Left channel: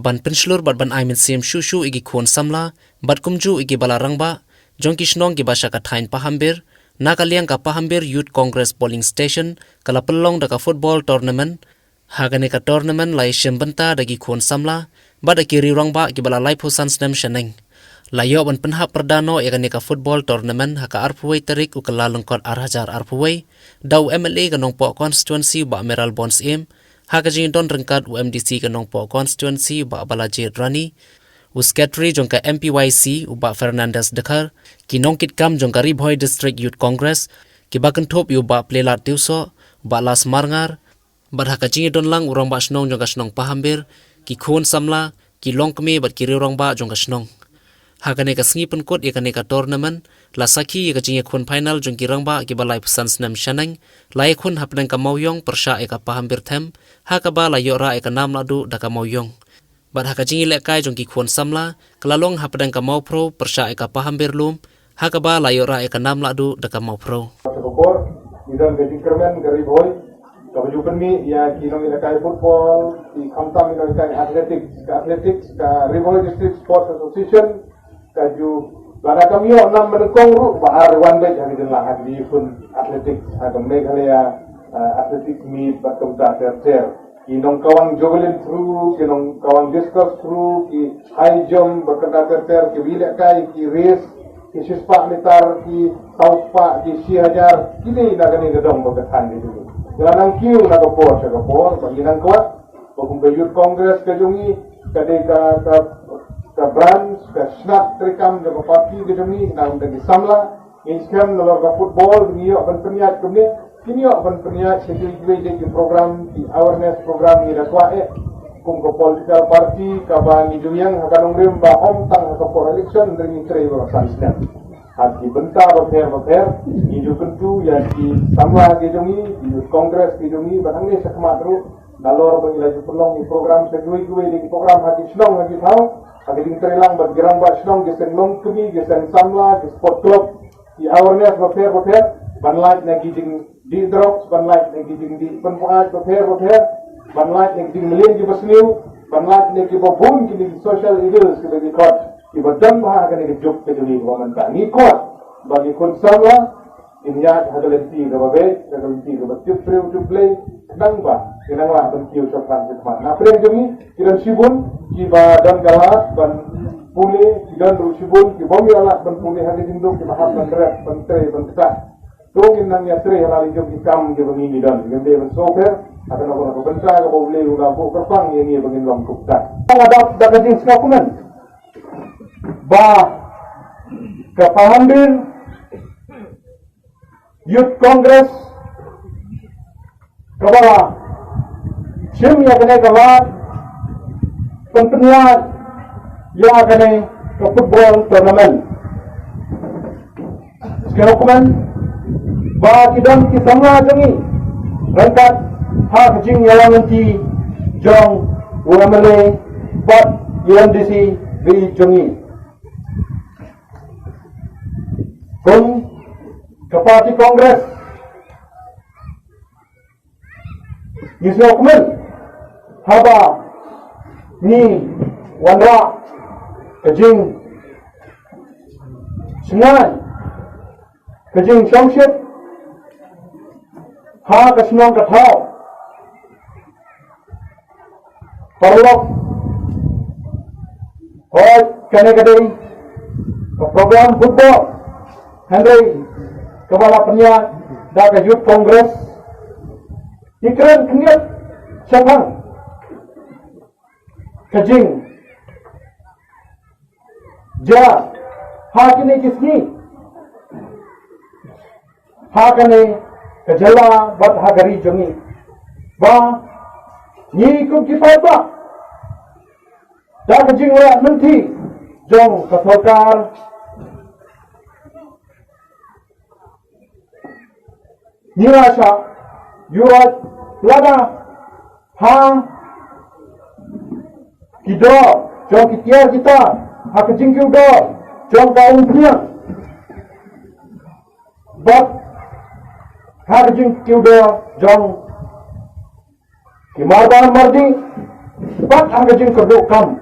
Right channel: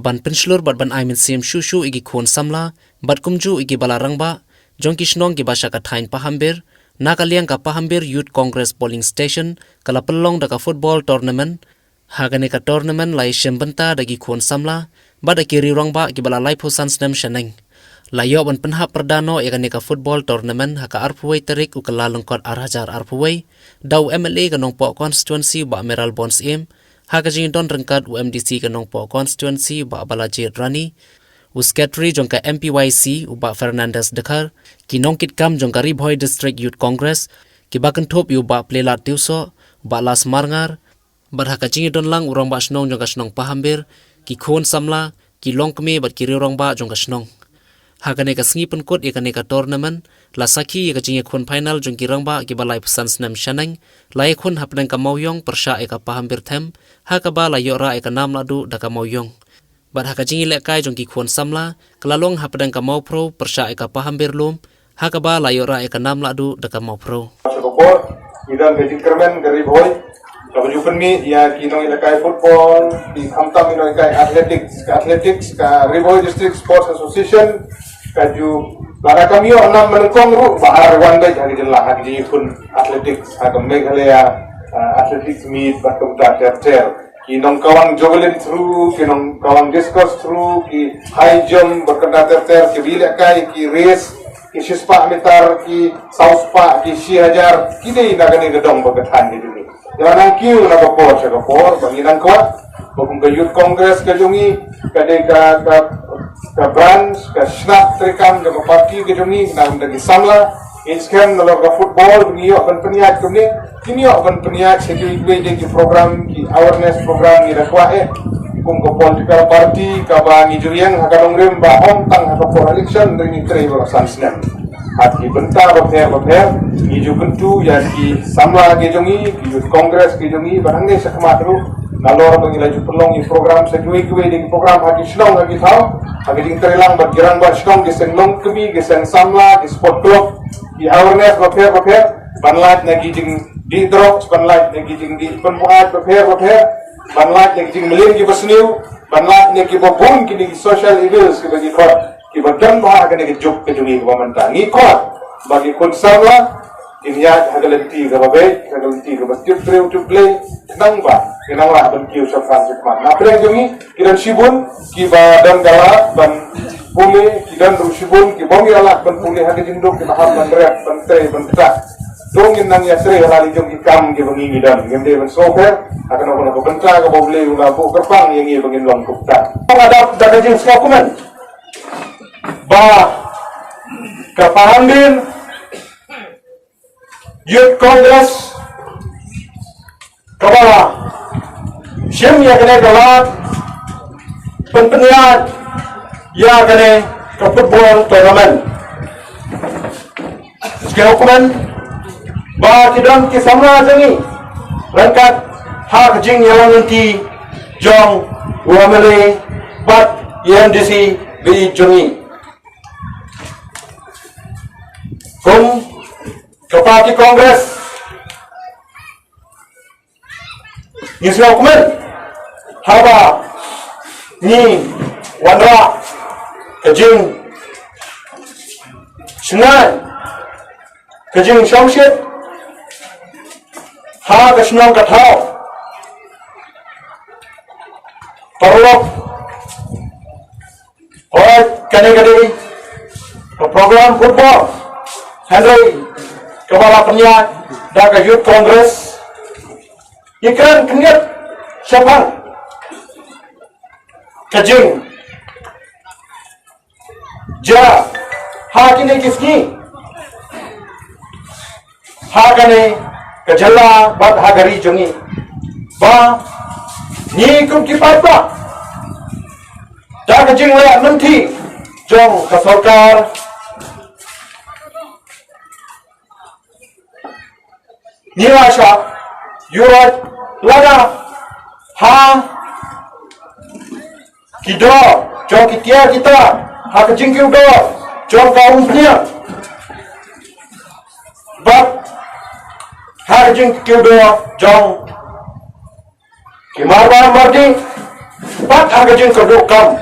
ban penslur bat ban aimin sim shushu igi khon samla bat kumju igi balarangba jongki shnong gi basha ka thain pahambir nakaliang ka pahambir youth congress polling station kala pelong daka football tournament hagane ka tournament lai shembanta dagi khon samla bat akiri rongba gi bala lai phusan snem shaneng layo ban penha perdano egane ka football tournament haka arpuwei tarik ukala lengkot arhajar arpuwei dau MLA ka nongpo constituency ba meral bonds im haka jing don rengkat UMDC ka nongpo constituency ba balajit rani usketri jongka MPYC uba Fernandez Dekhar ki nongkit kam jongka Ribhoi District Youth Congress ki bakan thop yu ba plelat tiuso ba las marngar bar haka jing don lang urang ba snong jongka snong pahambir ki khon samla ki longkme bat ki rirong ba jongka snong hakane ka sngi penkot ikane ka tournament la sakhi ka jing khon final jongki rangba ki balai pesan snam shanang lai khon hapnang ka mawyong persha eka pahambir them haka ba la yora eka nam ladu daka mawyong bat haka jing le kai jongki khon samla klalong hapdang ka mawpro persha eka pahambir lum haka ba la yora eka nam ladu daka mawpro Sokopor idan ke Tinkerman ke Ribhoi kalau jupen mi ya kino ilakai football di Khamtam ino ilakai athletics ka Ribhoi District Sports Association kaju lara kami yo enam menengkong ru bahar one day hagi jelah hagi jikun athletics hagam meghalaya athletics meet batum ta ter kinong kawang javelin through kinong kawang discus through ki high jump berkena ter ki bilakai ki race ki shispa meter ki sauspa ki 1000 kini nagani gedong berkethan di sini jangan kiu na kopor banginan kuat bukum ke youth congress ke jungi ka branch ka snap trikam ke parti ke jungi nam dagi samla inskan nalor ka football ngiyo ban peniat kini kini ban peniat segi igwe de program ki awareness program ni rakwa kum ko political party ka ba ni juriang hakalong rem ba om tang ha ko election ni tre ba sansna hati benta baper iju kentu ya ki samla ke jungi youth congress ke jungi barangge sakmatru nalor bangilaju pelong i program segui de program hagi snong hagi thau hagi ding terelang bat girang bat snong geseng long kemi geseng samla di sport club di awareness baper banlat nagi ding di drugs banlat nagi ding di penpuat baper banlat nagi ding melin ki basniu banlat nagi babun kini social evils ki bagi kot ki badan bah hagi nagi juk ke jungi pemanta ngi kot bagi kun samla inya hagalanti ka babe hagalanti ka bastip treu to play nang ba kinang la ban kiu sa Francis man na preng jungi kiran sibun ki ba dan galak ban puli ki dan ru sibun ki bong galak ban puli hagi jinduk ki maham ban rek ban tre ban ta dongin nang ya tre halali jungi kam ki bangi dan gemde ban sofer akan ono ko benta ka bole una bu kerpang yang ngi bangin long kupta ngadap dagajing dokumen ba kapahambin Youth Congress kaba sim ya kene galak penpeniat ya kene ke football tournament sekian dokumen ba kidon ki samla jangi rangkat ha kejing yang nanti jong UMLA bat UMDC bi jongi kum Parti Kongres ni dokumen haba ni wandra kejing senai kejing shongshit ha kasnong kathau parlok hoy kanegadi program football Henry Kepala Peniat Daga Youth Congress Ikran Kenyat Syafang Kajing Ja Hakine Kisni Hakane Kajala Bat Hagari Jungi Ba Ni Kum Kipapa Daga Jing Lea Menti Jong Kasorkar Nirasha, Yurat, Lada, Ha, Kido, Jong Kitia kita, Ha Kejing Kido, Jong Kaum Punya, Bab, Ha Kejing Kido, Jong Kimarban Mardi, bat agajin kadok kam